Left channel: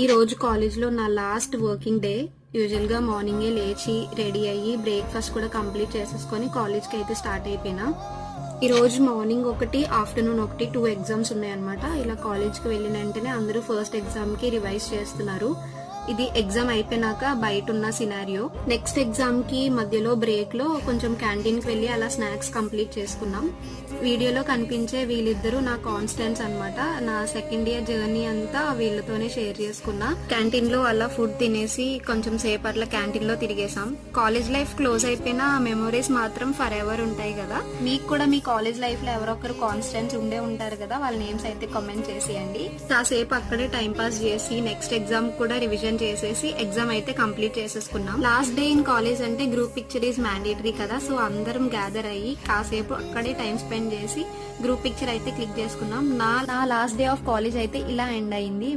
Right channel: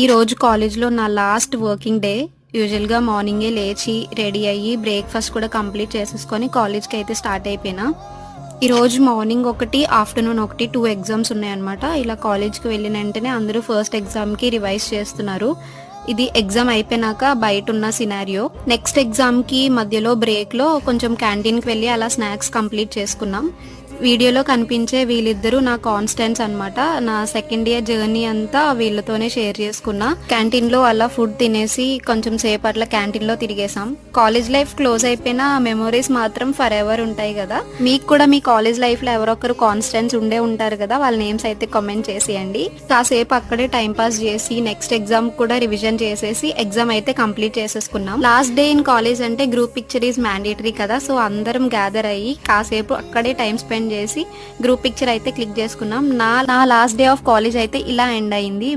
ఈరోజు కాలేజ్లో నా లాస్ట్ వర్కింగ్ డే. యూజువల్గా మార్నింగే లేచి రెడీ అయ్యి బ్రేక్ఫాస్ట్ కూడా కంప్లీట్ చేసేసుకొని కాలేజ్కి అయితే స్టార్ట్ అయిపోయినా. ఈరోజు మార్నింగ్ ఒకటి, ఆఫ్టర్నూన్ ఒకటి 2 ఎగ్జామ్స్ ఉన్నాయన్నమాట. ఇలా కాలేజ్కి వెళ్ళిన వెంటనే అందరూ ఫస్ట్ ఎగ్జామ్కి రివైజ్ చేస్తున్నారు. ఇది ఎగ్జామ్ అయిపోయినాక బయట ఉన్న సినారియో. నెక్స్ట్ ఎగ్జామ్కి మధ్యలో బ్రేక్లో కొంచెం క్యాంటీన్కి వెళ్ళి అలా స్నాక్స్ కంప్లీట్ చేసుకున్నాం. వీడియోలో కనిపించే వీళ్ళిద్దరూ నా కాన్స్టెంట్స్ అనమాట. నా సెకండ్ ఇయర్ జర్నీ అంతా వీళ్ళతోనే షేర్ చేసుకున్నా. క్యాంటీన్లో అలా ఫుడ్ తినేసి కొంచెం సేపు అట్లా క్యాంటీన్లో తిరిగేసాం. కాలేజ్ లైఫ్ క్లోజ్ అయిపోయిన మెమొరీస్ మాత్రం ఫర్ ఎవర్ ఉంటాయి కదా. మీకు కూడా మీ కాలేజ్ లైఫ్లో ఎవరొకరు కాన్స్టెంట్స్ ఉండే ఉంటారు కదా, వాళ్ళ నేమ్స్ అయితే కామెంట్ చేసేయండి. కాసేపు అక్కడే టైం పాస్ చేసి నెక్స్ట్ ఎగ్జామ్ కూడా రివిజన్ చేసేసి ఎగ్జామ్ అయితే కంప్లీట్ చేసేసుకున్నాం. లాస్ట్ డే ఇన్ కాలేజ్ అంటే గ్రూప్ పిక్చర్ ఈజ్ మ్యాండేటరీ కదా, సో అందరం గ్యాదర్ అయ్యి కాసేపు అక్కడే టైం స్పెండ్ చేసి గ్రూప్ పిక్చర్ అయితే క్లిక్ చేసుకున్నాం. నా లాస్ట్ డే ఆఫ్ కాలేజ్ అయితే ఇలా ఎండ్ అయింది.